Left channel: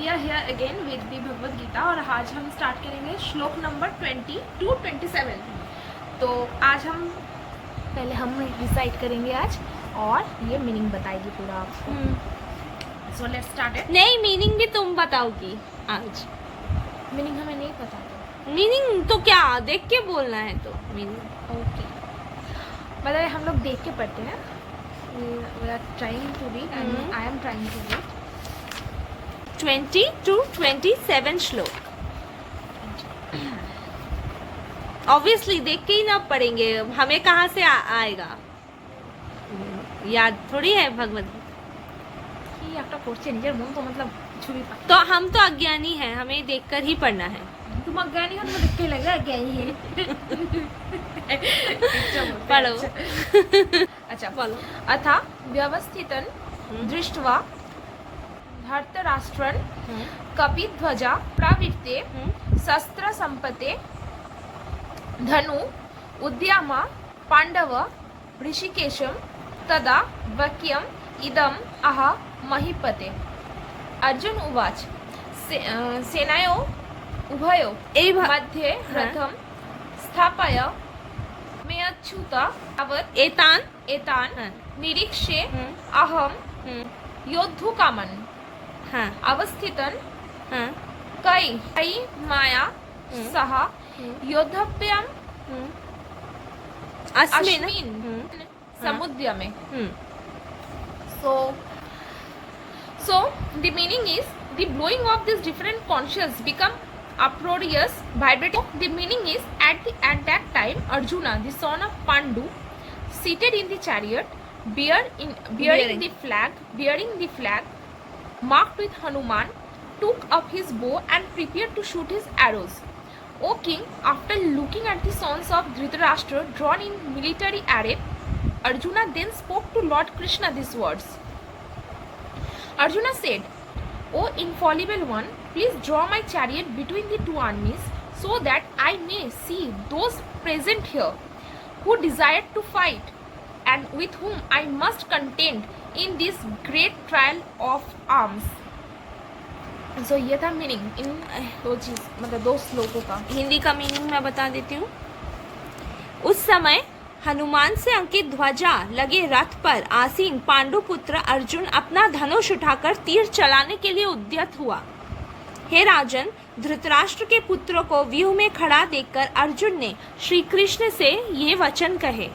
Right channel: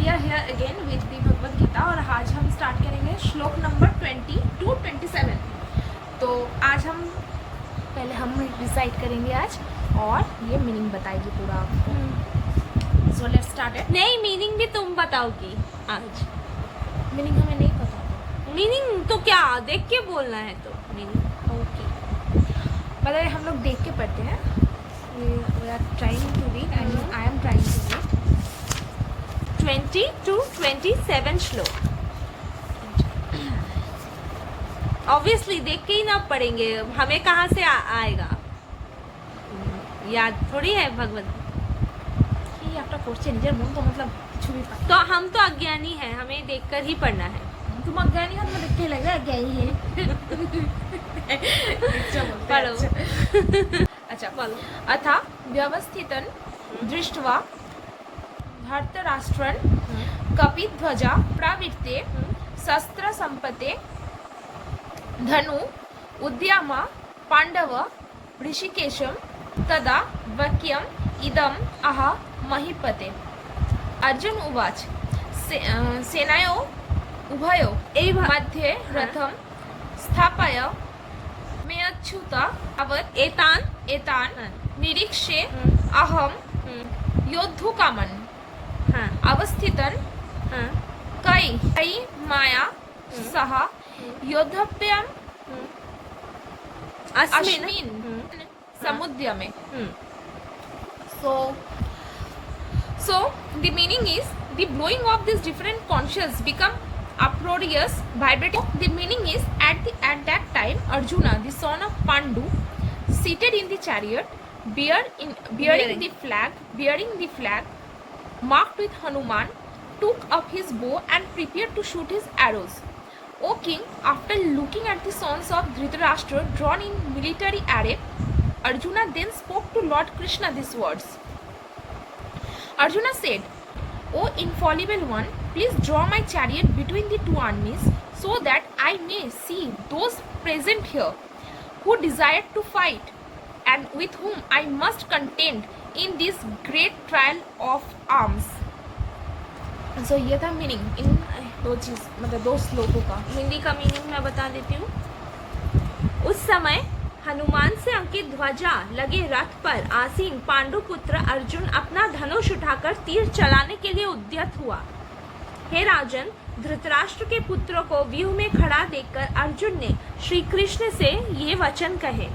We are here again with the Bhagavad Gita और आज हम स्टार्ट करेंगे श्लोक नंबर 20 to 27। तो आज हम पहले हम डिसाइड करेंगे आज और ये मीनिंग बताएगी पूरा आपको। So let's start it. नहीं, मीनिंग भी तुम बताओगी आज। मीनिंग हमें नहीं पता। मीनिंग तो क्या देख के बोलना है तो मीनिंग। ओके, मतलब हम लोग देख के पढ़ते हैं। We are trying to read and I am trying to read 20 to 27 श्लोक। ऑब्वियसली देख के ही ना पढ़ेंगे, हमें कहाँ से आएगा, याद थोड़ी है भगवत। ये आपका क्वेश्चन निजर मन को मतलब कुछ भी तो हम तो अज्ञानी हैं, हमें देखकर ही पढ़ना है। तुम अज्ञानी हो, तुम्हें देख के लग रहा है अज्ञानी है। पढ़ो। अच्छा बोलो। अथा व्यवस्थितन दृष्ट्वा धर्तराष्ट्रन कपिध्वजा प्रवृत्ते शस्त्र संपते धनु उद्यामा पांडव ऋषिकेशम तदा वाक्यम इदम आह महीपते। अर्जुन उवाच सेनायो उभयो मध्ये रथम स्थापय मे अच्युत अवत् एतान निरीक्ष्ये अहम योद्धुकामन् अवस्थितन कई माया सह योद्धव्यम अस्मिन् समुद्यमे। So the meaning is the blowing of these different conches become uproarious, vibrating. The meaning is at that time Arjuna, the son of Pandu, seated in the chariot, bearing the flag marked with Hanuman, took up his bow and prepared to shoot his arrows. O king, after looking at the sons of Dhritarashtra drawn in military array, Arjuna then spoke to Lord Krishna these words. Arjuna said, O infallible one, please draw my chariot between the two armies so that I may see those present here who desire to fight and with whom I must contend in this great trial of arms. So ये था meaning in दो चीज, मतलब दो श्लोकों का। हिंदी का meaning मैं बता देती हूँ। उस समय हनुमान से अंकित ध्वजा लगे रथ पर आसीन पांडुपुत्र अर्जुन अपना धनुष उठाकर तीर चलाने के लिए उद्यत हुआ। हे राजन, धृतराष्ट्र के पुत्र को व्यूह में खड़ा देखकर अर्जुन ने श्री कृष्ण से ये वचन कहे।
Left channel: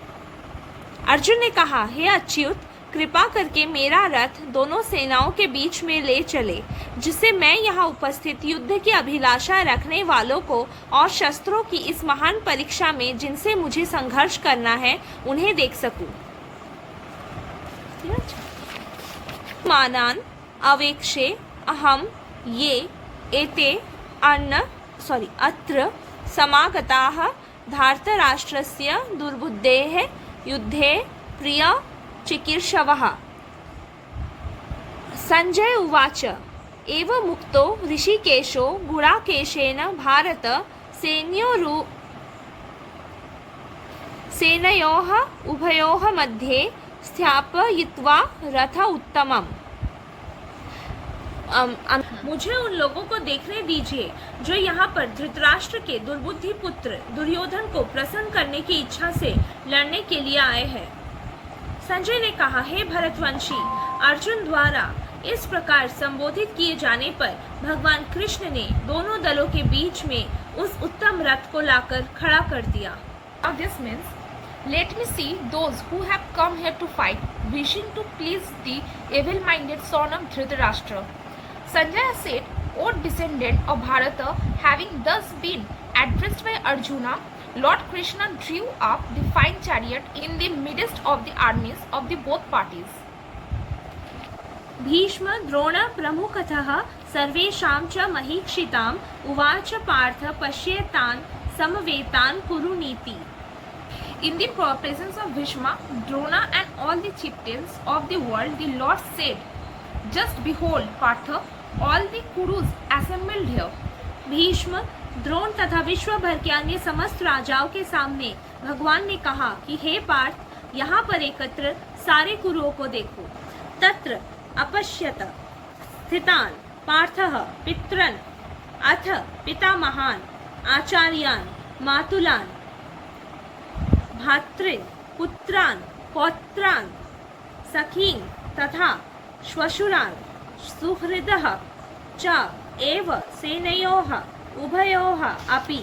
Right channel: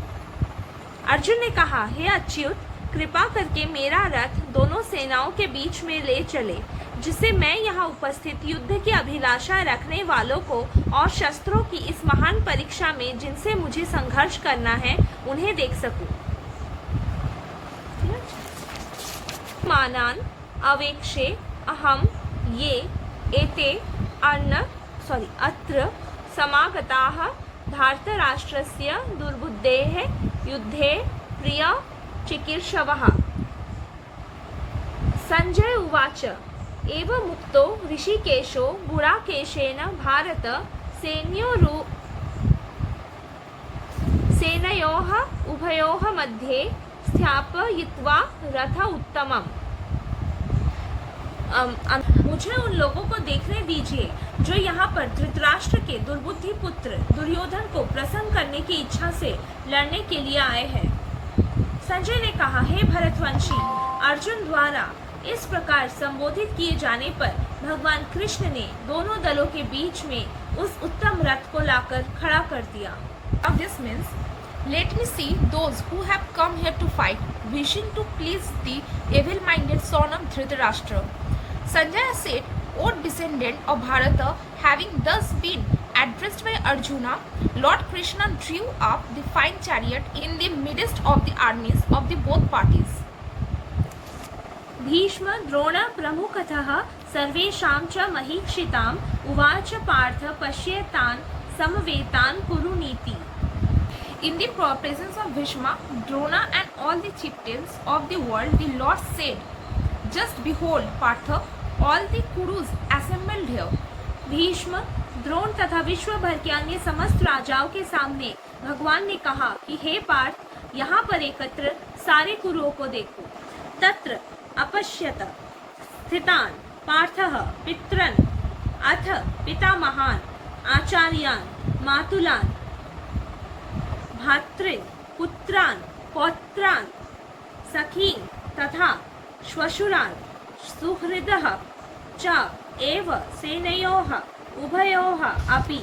अर्जुन ने कहा, हे अच्युत, कृपा करके मेरा रथ दोनों सेनाओं के बीच में ले चले, जिससे मैं यहाँ उपस्थित युद्ध की अभिलाषा रखने वालों को और शस्त्रों की इस महान परीक्षा में जिनसे मुझे संघर्ष करना है उन्हें देख सकूं। मानान अवेक्षे अहम ये एते अत्र समागताः धार्तराष्ट्रस्य दुर्बुद्धेः युद्धे प्रिय चिकीर्षवः। संजय उवाच एवं मुक्तो ऋषिकेशो गुडाकेशेन भारत सेनयोः उभयोः मध्ये स्थापयित्वा रथ उत्तमम्। मुझे उन लोगों को देखने दीजिए जो यहाँ पर धृतराष्ट्र के दुर्बुद्धि पुत्र दुर्योधन को प्रसन्न करने की इच्छा से लड़ने के लिए आए हैं। संजय ने कहा, हे भरतवंशी, अर्जुन द्वारा इस प्रकार संबोधित किए जाने पर भगवान कृष्ण ने दोनों दलों के बीच में उस उत्तम रथ को लाकर खड़ा कर दिया। Now this means, let me see those who have come here to fight, wishing to please the evil-minded son of Dhritarashtra. Sanjaya said, O descendant of Bharata, having thus been addressed by Arjuna, Lord Krishna drew up the fine chariot in the midst of the armies of the both parties. Bhishma Drona प्रमुखतः सर्वेषां च महीक्षिताम् उवाच Partha पश्येतान् समवेतान् कुरुनीति। In the presence of Bhishma, Drona and all the chieftains of the world, the Lord said, Just behold, Partha, all the Kurus assembled here. Bhishma, Drona तथा विश्व भर के अन्य समस्त राजाओं के सामने भगवान ने कहा कि हे पार्थ, यहाँ पर एकत्र सारे कुरुओं को देखो। तत्र अपश्यत स्थितान पार्थः पितरन् अथ पितामहान् आचार्यान् मातुलान् भ्रातॄन् पुत्रान् पौत्रान् सखीन् तथा श्वशुरान् सुहृदः च एव सेनयोः उभयोः अपि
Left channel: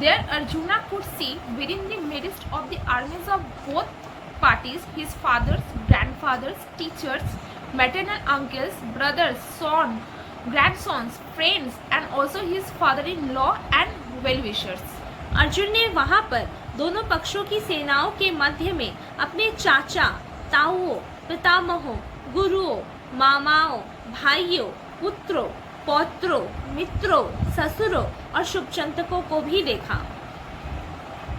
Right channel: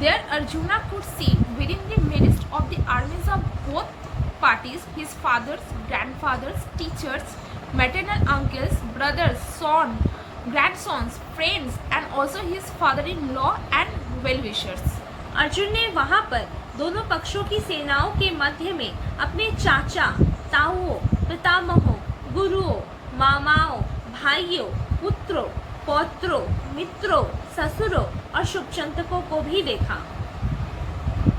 There Arjuna could see within the midst of the armies of both parties his fathers, grandfathers, teachers, maternal uncles, brothers, sons, grandsons, friends and also his father-in-law and well-wishers. Arjun ने वहां पर दोनों पक्षों की सेनाओं के मध्य में अपने चाचा, ताऊओं, पितामहों, गुरुओं, मामाओं, भाइयों, पुत्रों, पौत्रों, मित्रों, ससुरों और शुभचिंतकों को भी देखा।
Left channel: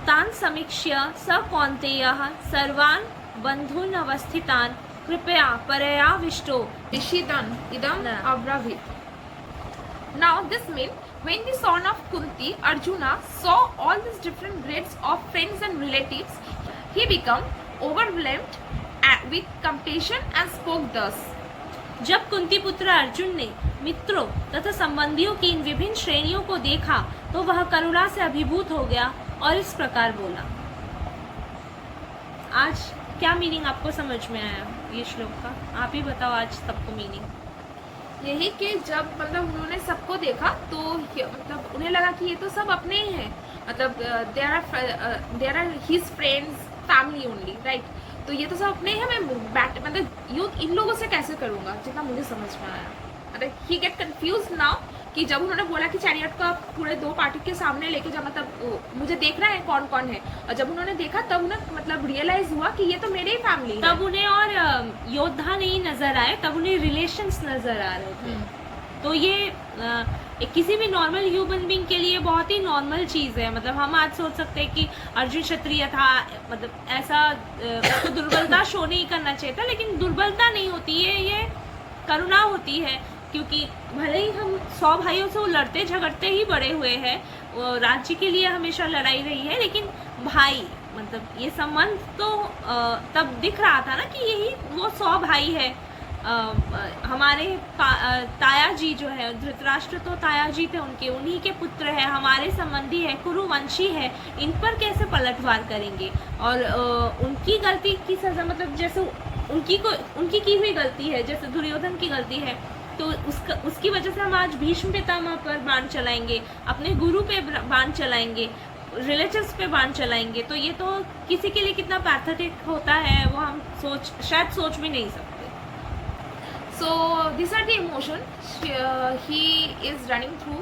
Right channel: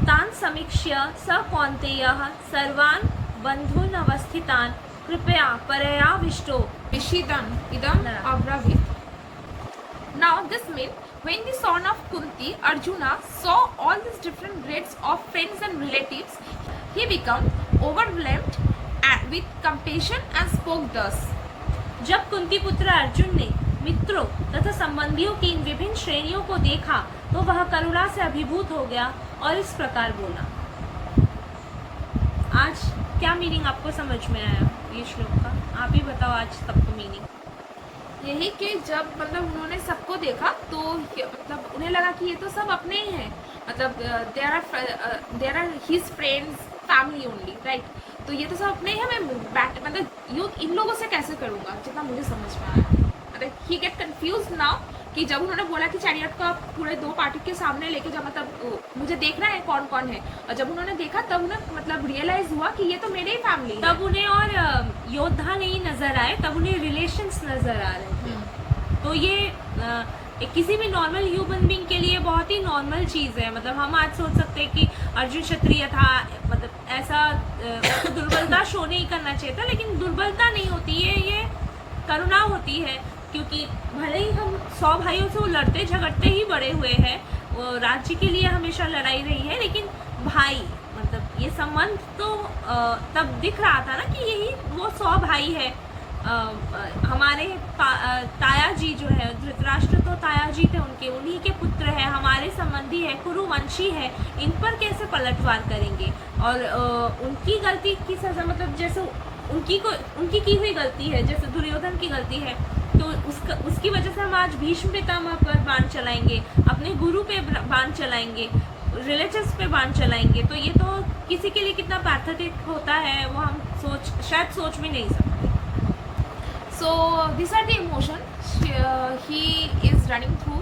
तान् समीक्ष्य स कौन्तेयः सर्वान् बन्धून् अवस्थितान् कृपया परयाविष्टो Rishidan idam abravit. Now this means when the son of Kunti, Arjuna, saw all these different grades of friends and relatives, he became overwhelmed with compassion and spoke thus. जब कुंती पुत्र अर्जुन ने मित्रों तथा संबंधियों की इन विभिन्न श्रेणियों को देखा तो वह करुणा से अभिभूत हो गया और इस प्रकार बोला। आज क्या मीनिंग आपको समझ में आया ये श्लोक का? आप ही बताओ आज सबको मीनिंग। यही कि जब मतलब उन्होंने सबको देखा तो मतलब उन्हें लगा कि ये तो सब अपने ही हैं, मतलब there are his friends family only, right? तो ये तो सब अपने ही हैं, मैं बैट मतलब युद्ध इन लोगों से कैसे करूंगा, जितना मुझे समझ में आया। मतलब ही गेट कंफ्यूज नाउ कि जब उन्होंने बोला कि चैरियट का पूरे दो पार्टी के सामने लेके जा, मतलब मुझे देखना है कौन कौन है, और जब उन्होंने देखा तब उन्हें मतलब रियलाइज हुआ कि ये तो मेरे ही फैमिली है। तब उन्हें और योद्धा नहीं नजर आए, तब उन्हें रिलेशंस नजर आ रहे थे। तो ये किसी भी नॉर्मल ह्यूमन बीइंग के लिए बहुत ही नॉर्मल चीज है। मतलब हम आज सोच सकते हैं कि अर्जुन क्षत्रिय था, मतलब ऐसा तो दुर्बलता शो नहीं करना चाहिए था, लेकिन दुर्बलता नहीं होती है, ये करुणा होती है। क्योंकि भले ही हम 100 भाइयों से वो लड़ते झगड़ते ही बड़े हुए हैं, वो राज्य के लिए हमेशा लड़ाई रही है, लेकिन भाई मतलब ये संबंध तो तब दिख रहा था ना कि यही वो 100 भाई है। हमारे ताया जी जो है, धृतराष्ट्र तो ताया जी थे उनके, उन्हीं के पुत्र है, हमारे संबंधी है, कुरुवंशी है, इन पर कैसे पलटवार करेंगे? और उनकी गलती की सजा, मतलब जैसे उनकी की हुई गलती है, जैसे दुर्योधन की गलती है, तो उसकी वजह से हम आज भीष्म पितामह पर बाण चलाएंगे, अपने गुरु पे बाण चलाएंगे, रिलेटिव्स पे बाण चलाएंगे। तो ये तो किसी के लिए कितना पैथेटिक होता है वो हम शायद सोच भी नहीं सकते। So these are the emotions he is running through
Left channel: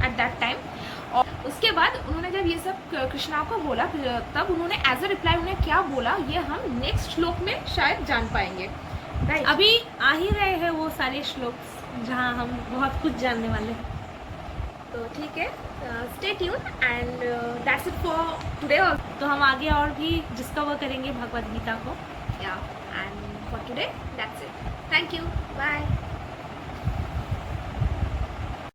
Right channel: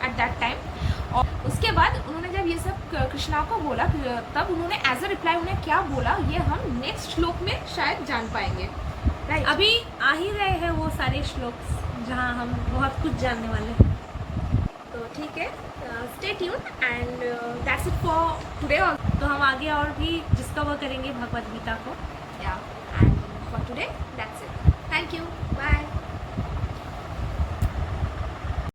at that time. और उसके बाद उन्होंने जब ये सब कृष्णा को बोला, तब उन्होंने एज अ रिप्लाई उन्हें क्या बोला ये हम नेक्स्ट श्लोक में शायद जान पाएंगे, राइट? अभी आ ही रहे हैं वो सारे श्लोक जहाँ हम बहुत कुछ जानने वाले हैं। तो ठीक है, stay tuned and that's it for today. तो हम आगे और भी डिस्कवर करेंगे भगवद गीता को। या and for today that's it. Thank you, bye.